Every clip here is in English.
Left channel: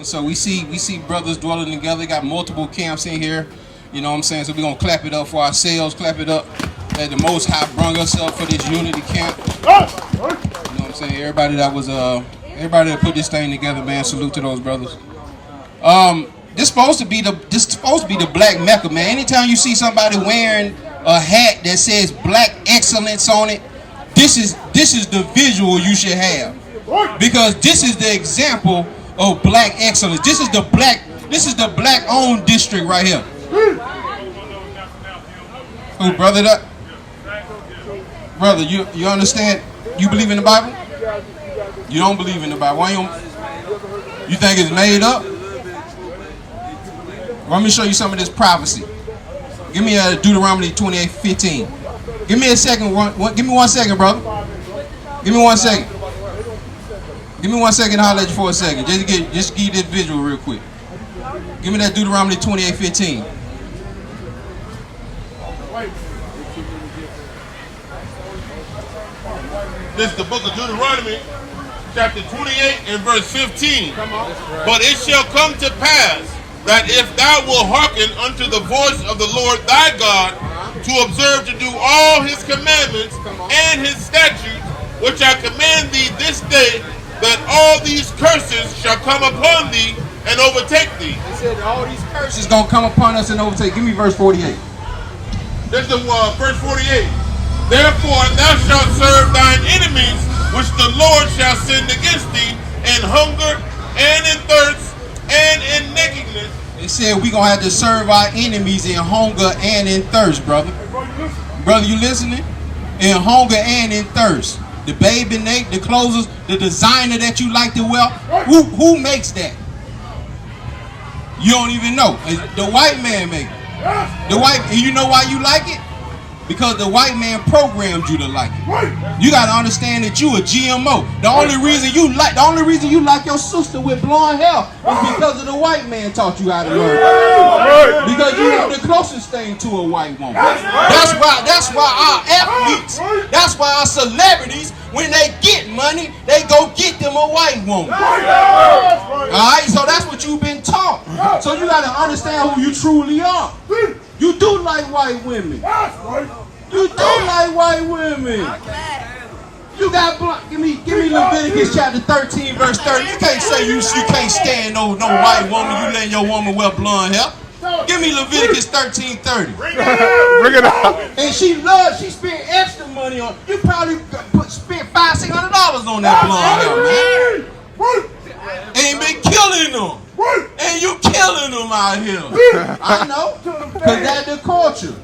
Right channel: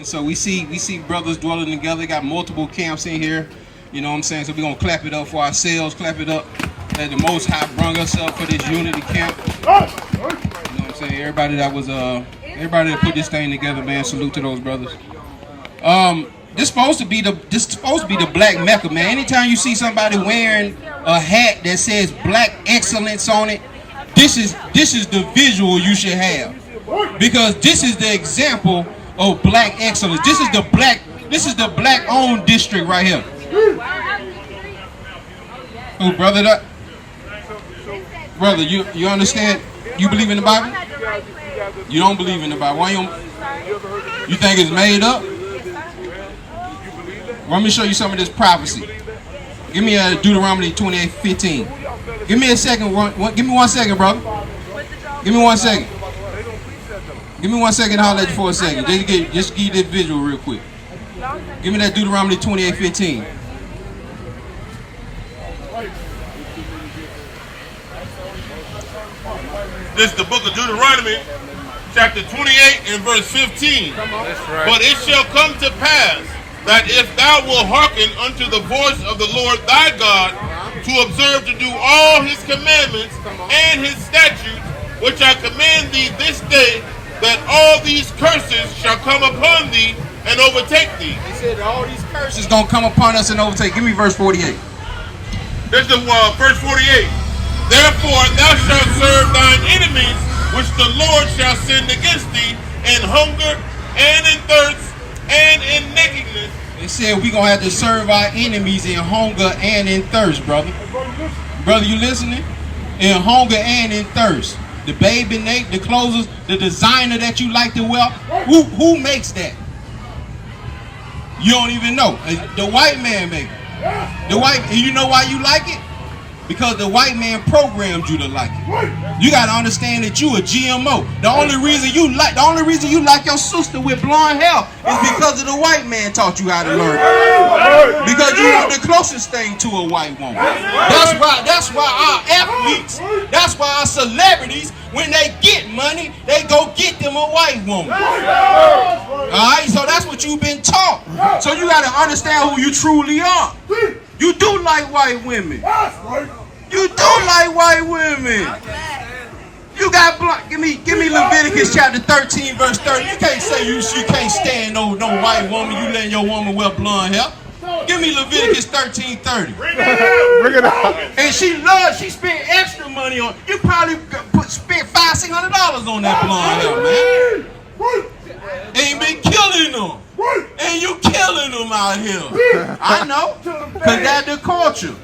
And so we see brothers dwelling together. Got multiple camps in here. You know what I'm saying? So we're going to clap it up for ourselves. Clap it up that the Most High brung us up for this unity camp. You know what I'm saying? Everybody that put this thing together, man, salute to those brothers. This supposed to be the black Mecca, man. Anytime you see somebody wearing a hat that says black excellence on it, this is the visual you should have. Because this is the example of black excellence. This is the black owned district right here. Oh, brother, brother, you understand? You believe in the Bible? You don't believe in the Bible. Why you think it's made up? Let me show you some of this prophecy. Give me Deuteronomy 28:15. Give me a second. Give me 1 second, brother. Give me 1 second. Give me 1 second. I'll let you for a second. Just give this visual real quick. Give me that Deuteronomy 28:15. This is the book of Deuteronomy, chapter 28 and verse 15. Come on. Right. But it shall come to pass that if thou wilt hearken unto the voice of the Lord thy God, to observe to do all his commandments and his statutes, which I command thee this day, that all these curses shall come upon thee and overtake thee. They said all these curses gonna come upon us and overtake. Give me verse 48. This is verse 48. Therefore thou shalt serve thine enemies, which the Lord shall send against thee, in hunger and in thirst and in nakedness. They said we gonna have to serve our enemies in hunger and in thirst, brother. Brother, you listening? In hunger and in thirst. The baby Nate, the clothes, the designer that you like to wear, who makes that? You don't even know. The white man makes it. You know why you like it? Because the white man programmed you to like it. You gotta understand that you a GMO. The only reason you like your sister with blonde hair is because of the white man taught you how to learn. Because you are the closest thing to a white woman. That's why our athletes, that's why our celebrities, when they get money, they go get them a white woman. Alright, so that's what you've been taught. So you gotta understand who you truly are. You do like white women. You do like white women. You got give me Leviticus chapter 13 verse 30. You can't say you can't stand no white woman. You letting your woman wear blonde hair. Give me Leviticus 13:30. Bring it up. And she spent extra money on. You probably spent $500-$600 on that blonde hair, man. Ain't been killing them. And you killing them out here. I know. Because that's the culture.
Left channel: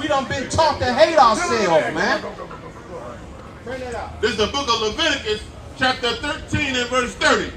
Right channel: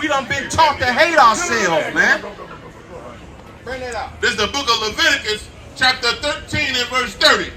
We done been taught to hate ourselves, man. Bring it out. This is the book of Leviticus, chapter 13 and verse 30.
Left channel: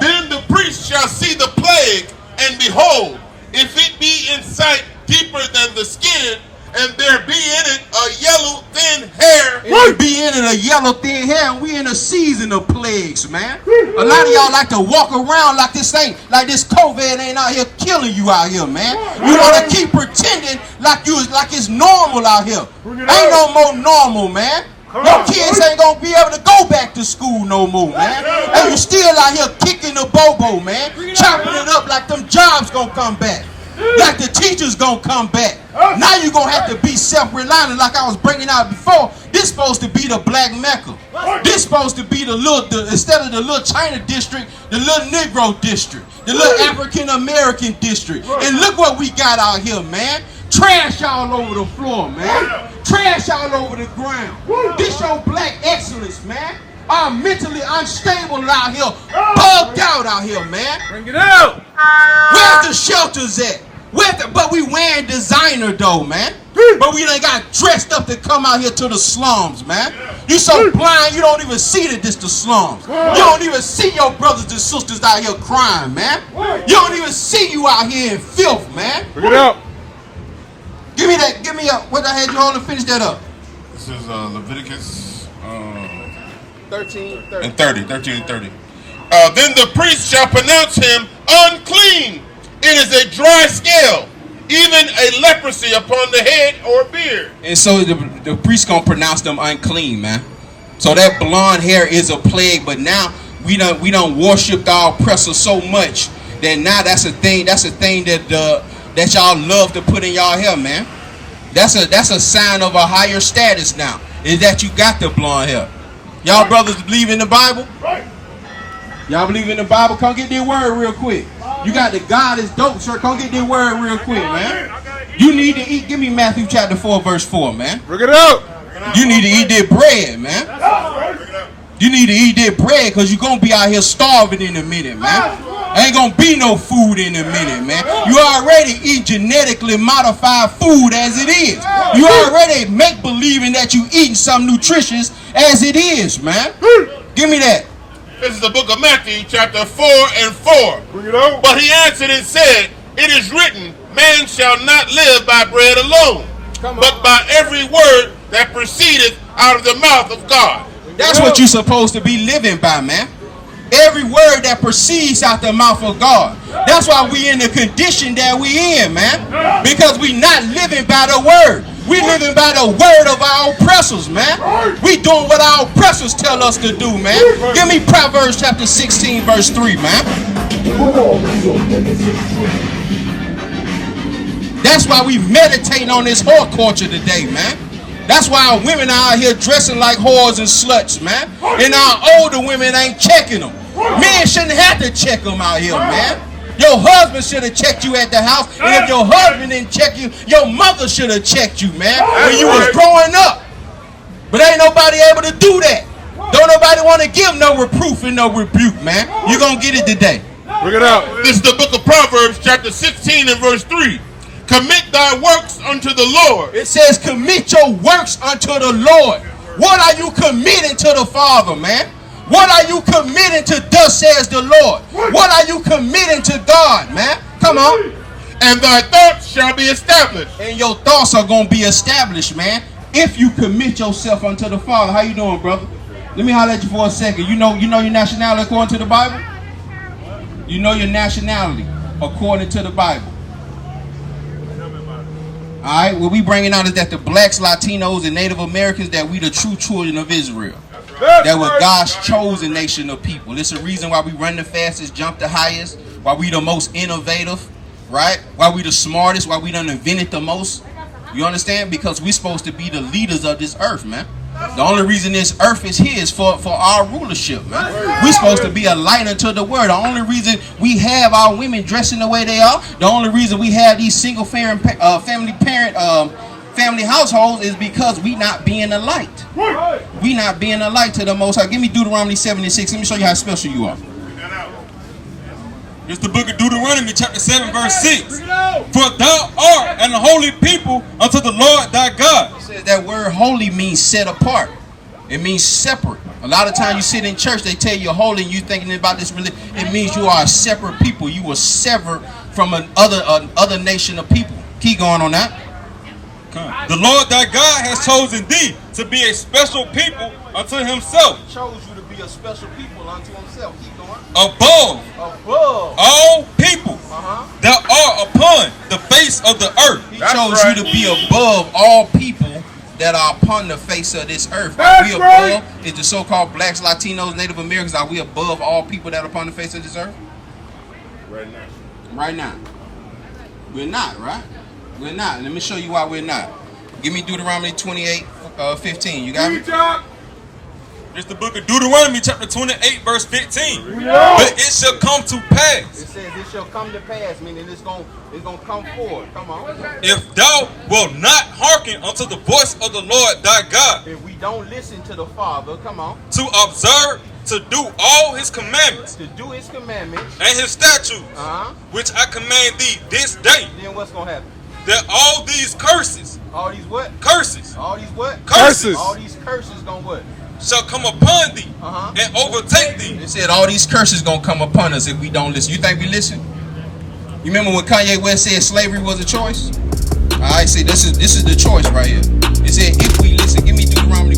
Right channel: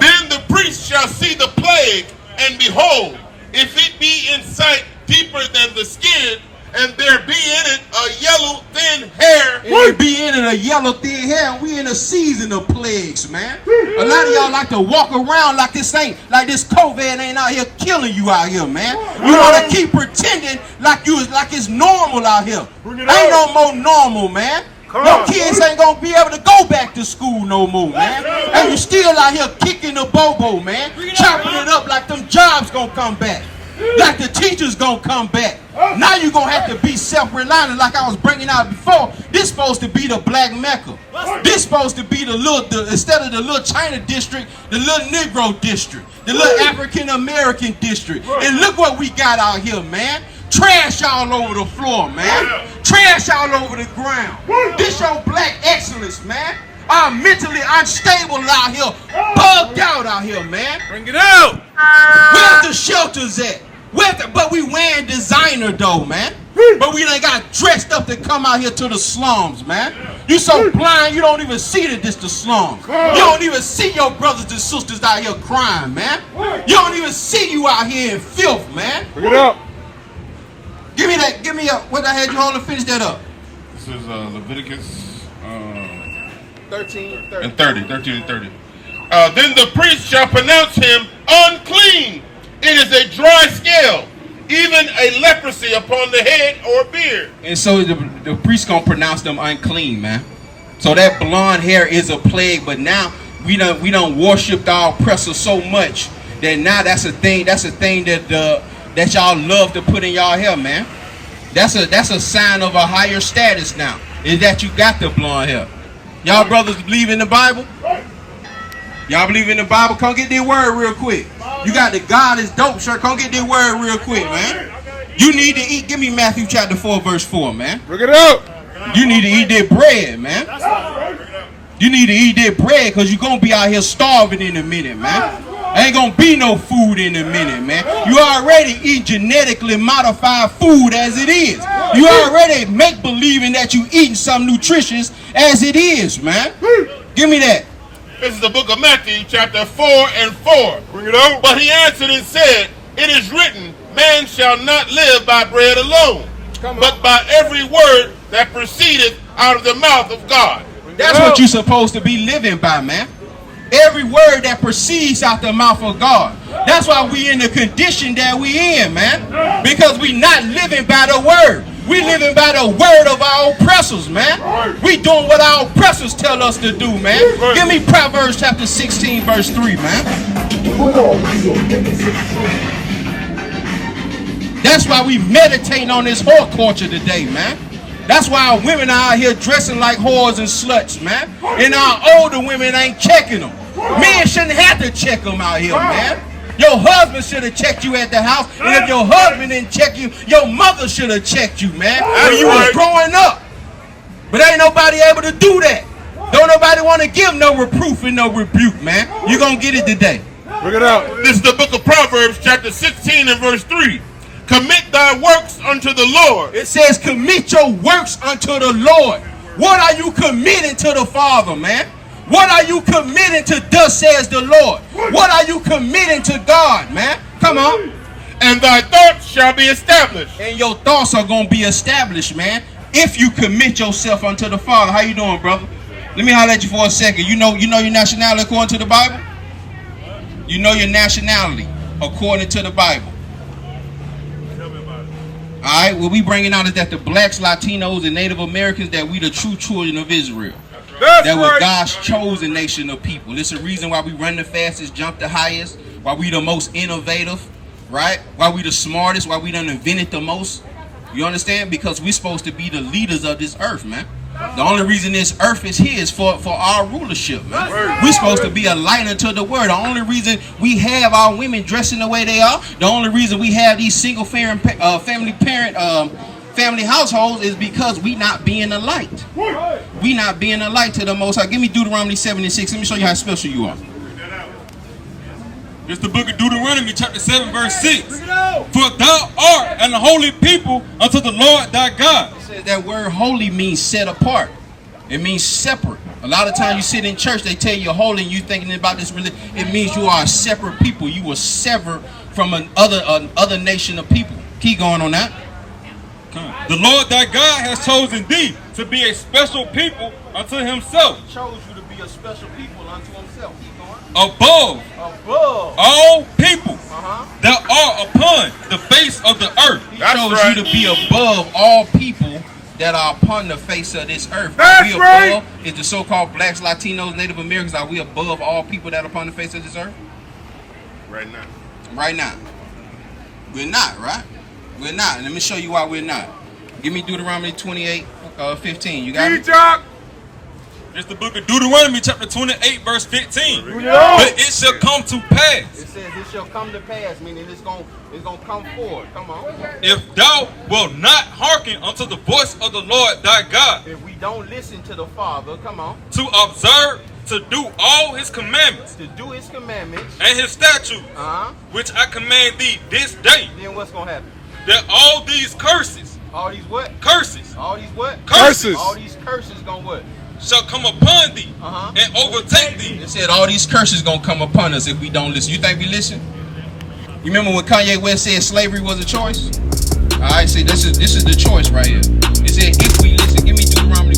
Then the priest shall see the plague, and behold, if it be in sight deeper than the skin, and there be in it a yellow thin hair. And there be in it a yellow thin hair, and we in a season of plagues, man. A lot of y'all like to walk around like this COVID ain't out here killing you out here, man. You want to keep pretending like it's normal out here. Ain't no more normal, man. No kids ain't gonna be able to go back to school no more, man. And you still out here kicking the bobo, man. Chopping it up like them jobs gonna come back. Like the teachers gonna come back. Now you gonna have to be self-reliant like I was bringing out before. This supposed to be the black Mecca. This supposed to be instead of the little China district, the little Negro district, the little African American district. And look what we got out here, man. Trash all over the floor, man. Trash all over the ground. This your black excellence, man. I'm mentally unstable out here, bugged out here, man. Bring it out. Where's the shelters at? But we wearing designer though, man. But we done got dressed up to come out here to the slums, man. You so blind, you don't even see that this the slums. You don't even see your brothers and sisters out here crying, man. You don't even see you out here in filth, man. Bring it up. Give me what I had you hold to finish that up. This is Leviticus 13 and 30. Then the priest shall pronounce him unclean. It is a dry scale, even a leprosy upon the head or beard. And so the priest gonna pronounce them unclean, man. So that blonde hair is a plague, but now we don't worship our oppressor so much that now that's a thing that y'all love to put in y'all hair, man. That's a sign of a higher status now, is that you got the blonde hair. Y'all brothers believe in the Bible? Y'all believe in the Bible? Come get this word real quick. You got the God is dope shirt. Come get this word real quick, man. You need to eat. Give me Matthew chapter 4, verse 4, man. Bring it up. You need to eat that bread, man. You need to eat that bread because you're going to be out here starving in a minute, man. Ain't going to be no food in a minute, man. You already eat genetically modified food as it is. You already make believing that you eating some nutritious as it is, man. Give me that. This is the book of Matthew, chapter 4 and 4. Bring it out. But he answered and said, it is written, man shall not live by bread alone, but by every word that proceedeth out of the mouth of God. That's what you're supposed to be living by, man. Every word that proceeds out the mouth of God. That's why we in the condition that we in, man. Because we not living by the word. We living by the word of our oppressors, man. We doing what our oppressors tell us to do, man. Give me Proverbs chapter 16, verse 3, man. That's why we meditate on this whore culture today, man. That's why our women are out here dressing like whores and sluts, man. And our older women ain't checking them. Men shouldn't have to check them out here, man. Your husband should have checked you at the house. And if your husband didn't check you, your mother should have checked you, man, when you was growing up. But ain't nobody able to do that. Don't nobody want to give no reproof and no rebuke, man. You're going to get it today. Bring it out. This is the book of Proverbs, chapter 16 and verse 3. Commit thy works unto the Lord. It says commit your works unto the Lord. What are you committing to the Father, man? What are you committing to thus says the Lord? What are you committing to God, man? Come on. And thy thoughts shall be established. And your thoughts are going to be established, man, if you commit yourself unto the Father. How you doing, brother? Let me holler at you for a second. You know your nationality according to the Bible? You know your nationality according to the Bible. All right, what we bringing out is that the blacks, Latinos, and Native Americans, that we the true children of Israel. That we're God's chosen nation of people. It's a reason why we run the fastest, jump the highest, why we the most innovative, right? Why we the smartest, why we done invented the most. You understand? Because we're supposed to be the leaders of this earth, man. The only reason this earth is here is for our rulership, man. We're supposed to be a light unto the world. The only reason we have our women dressing the way they are, the only reason we have these single family households is because we not being a light. We not being a light to the Most High. Give me Deuteronomy 7:6. Let me show you how special you are. It's the book of Deuteronomy, chapter 7, verse 6. For thou art an holy people unto the Lord thy God. It says that word holy means set apart. It means separate. A lot of times you sit in church, they tell you holy, and you thinking about this religion. It means you are a separate people. You were severed from another nation of people. Keep going on that. The Lord thy God has chosen thee to be a special people unto himself. He chose you to be a special people unto himself. Keep going. Above all people that are upon the face of the earth. He chose you to be above all people that are upon the face of this earth. Are we above? Is the so-called blacks, Latinos, Native Americans, are we above all people that are upon the face of this earth? Right now. Right now. We're not, right? We're not. And let me show you why we're not. Give me Deuteronomy 28:15. You got it? It's the book of Deuteronomy, chapter 28, verse 15. But it shall come to pass. It says it shall come to pass, meaning it's gonna come forward. Come on. If thou wilt not hearken unto the voice of the Lord thy God. If we don't listen to the Father, come on. To observe, to do all his commandments. To do his commandments. And his statutes. Which I command thee this day. Then what's gonna happen? That all these curses. All these what? Curses. All these what? Curses. All these curses gonna what? Shall come upon thee and overtake thee. They said all these curses gonna come upon us if we don't listen. You think we listen? You remember when Kanye West said slavery was a choice? All right, see, this is the choice right here. It said if we listen. Give me Deuteronomy